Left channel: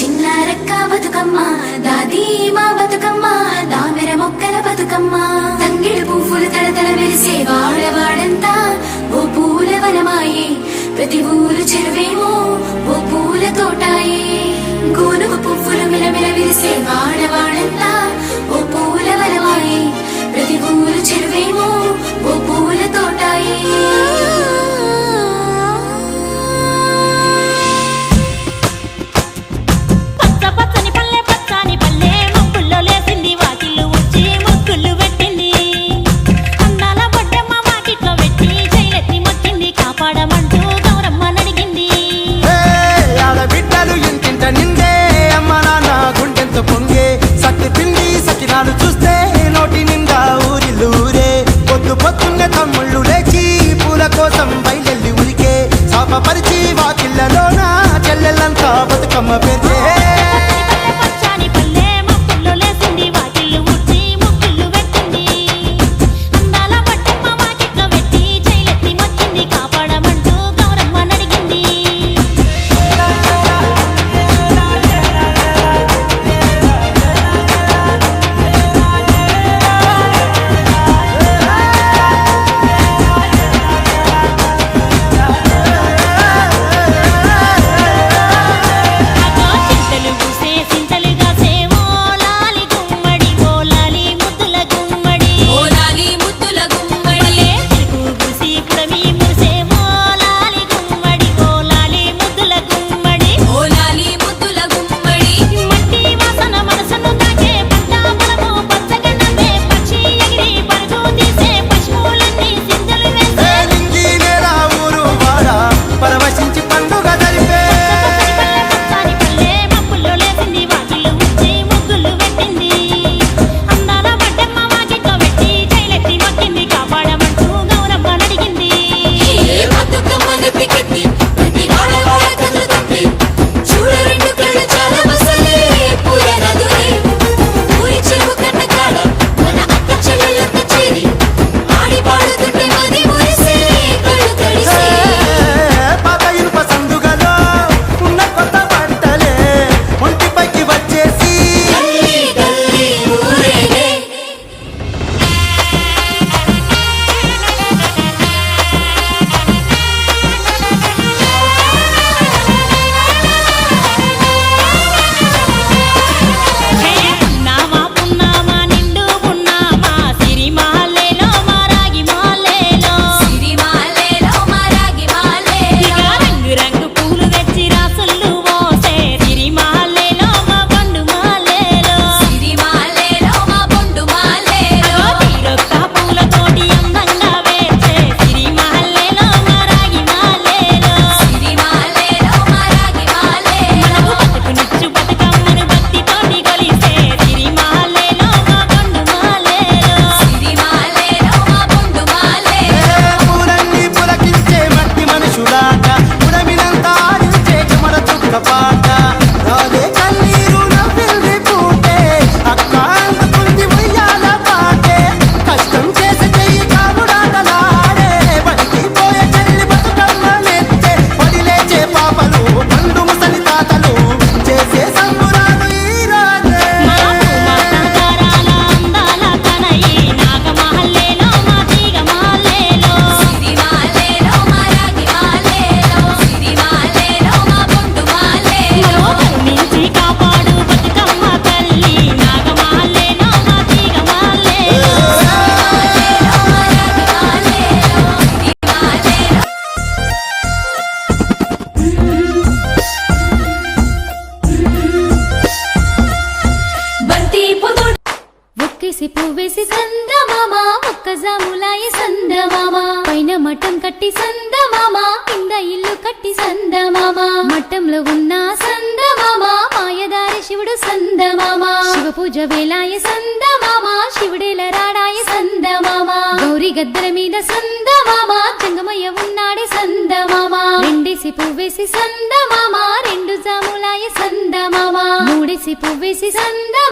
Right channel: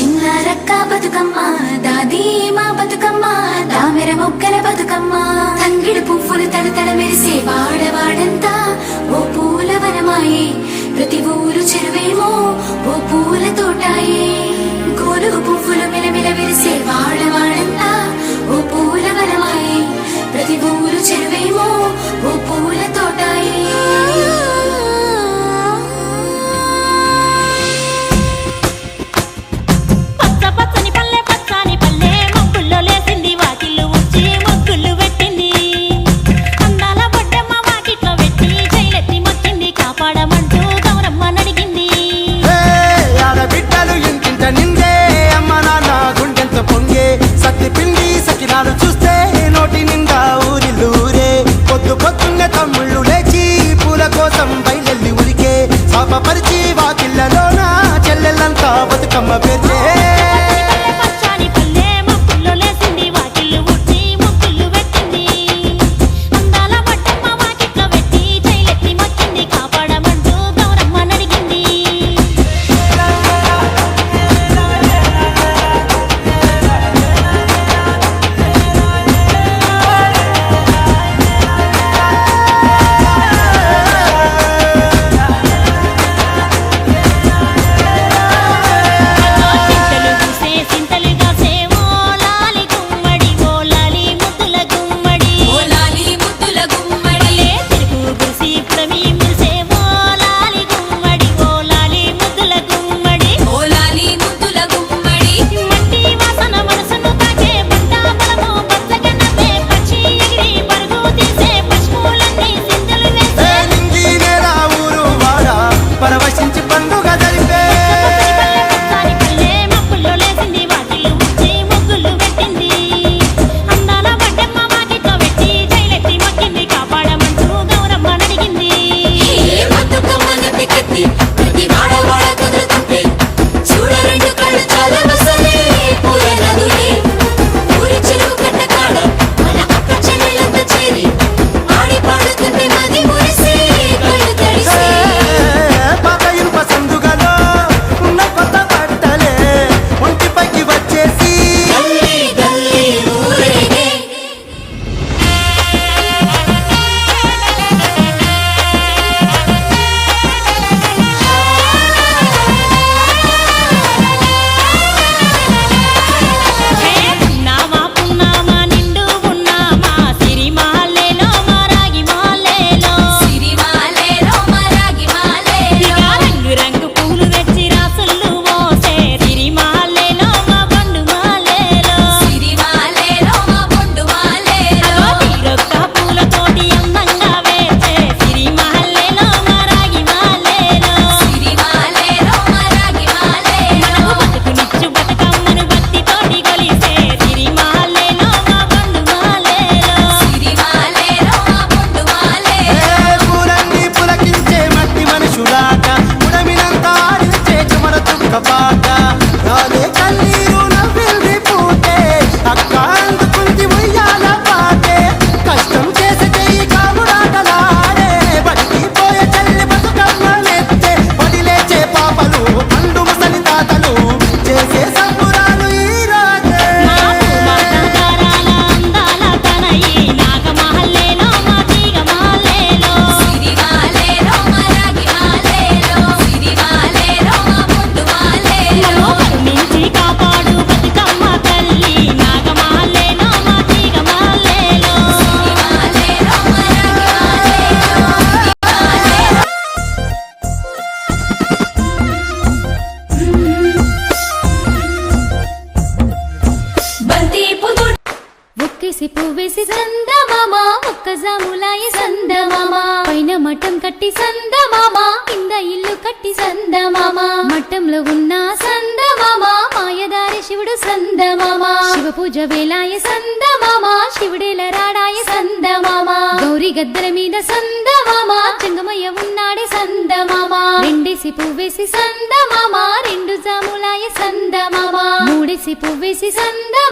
చిన్నారక్క బతుకమ్మ దాది మా బతుకమ్మ దామెర మొక్కల బతుకమ్మ తంగిడు పువ్వులు తడతడ మెరిసే వాడవాడంతా ఓ పూల వనమాయే ప్రతి ఊరు చెరువేమో ఓ పూల తోటాయే గోరుగు పువ్వులు మెరమెర విరిసే వాడవాడంతా ఓ పూల వనమాయే ప్రతి ఊరు చెరువేమో ఓ పూల తోటాయే పచ్చని పల్లె పచ్చని పల్లె మబ్బుల్లో లేసింది వాకిళ్ళు ఊడ్చి ముగ్గులు పెట్టింది అందాల బొడ్డమ్మ వాకిట్లో పెట్టి జైలెత్తి మొక్కింది కాపాడమంటూ గౌరమ్మ నడిగింది ఆడబిడ్డలు ఇంటింట నిందే అమ్మ నాన్న గుండెంత పొంగే సత్తి పిండి సకినాలు చూస్తే నోటి నిండా ఊరిల్లూరే పొద్దు పొద్దున్నే తమ్ముళ్ళు లేచి పూల కోసం బయలెల్లి ఉరికే శాపపరిచి వాకిళ్ళలోన చెల్లెళ్ళంతా బతుకమ్మ పేర్చే పచ్చని పల్లె మబ్బుల్లో లేసింది వాకిళ్ళు ఊడ్చి ముగ్గులు పెట్టింది అందాల బొడ్డమ్మ వాకిట్లో పెట్టి జైలెత్తి మొక్కింది కాపాడమంటూ గౌరమ్మ నడిగింది పరవశించి పండుగ జరిపే పచ్చని పల్లె మబ్బుల్లో లేసింది వాకిళ్ళు ఊడ్చి ముగ్గులు పెట్టింది అందాల బొడ్డమ్మ వాకిట్లో పెట్టి జైలెత్తి మొక్కింది కాపాడమంటూ గౌరమ్మ నడిగింది సందుగలో ఉన్న కొత్త బట్టలే ఒంటిపైకి వచ్చేసి పున్నామా పున్నామా నిండు పున్నామా సిరిమాలేలో మారాగి మాలేలో ఇక రంగు రంగు పూలు తెచ్చి రాసుళ్ళు మోసే సిరిమాలేలో మా బండు మాలేలో అగో తీరొక్క పూలతోటి అందంగా వేచే సిరిమాలేలో మారాగి మాలేలో మనకు బతుకునిచ్చు బతుకమ్మను భక్తితోటి కొలిసే సిరిమాలేలో మా బండు మాలేలో పూలన్నీ పులకించే మట్టి మనుషులాట ఉడమినంతా ఆడించే చెమర చుక్కపాట రాలే కన్నీరు నవ్వింది పూటే అక్క అందుకుంది ఉయ్యాల పాటే కష్టం చేసే చెయ్యి కాముడాటలాడే బడికి పోయే చెల్లి బతుకమ్మనెత్తే పడి లేచే పాపలు పండు ముసలి తాతలు చేసే సంబురాలు ఈ రోజే నగరాల అందాల తనయి నాగమహల్లేలో మా తీగ మహల్లేలో మమ్మో కరుణించి కాపాడు బతుకమ్మ తల్లి నాగమహల్లేలో మా తీగ మహల్లేలో ఒక్కేసి పువ్వేసి సందమామ ఒక్క జాములాయ సందమామ పైన మఠం కట్టి సందమామ కింద ఇల్లు కట్టి సందమామ మఠంలో ఉన్న సందమామ మాయదారి శివుడు సందమామ శివ పూజ వేలాయ సందమామ శివుడేల రాడాయ సందమామ గౌరీ గద్దెల మీద సందమామ చెంగమయ్య ఉన్నాడే సందమామ రెండేసి పువ్వేసి సందమామ రెండు జాములాయ సందమామ మూడేసి పువ్వేసి సంద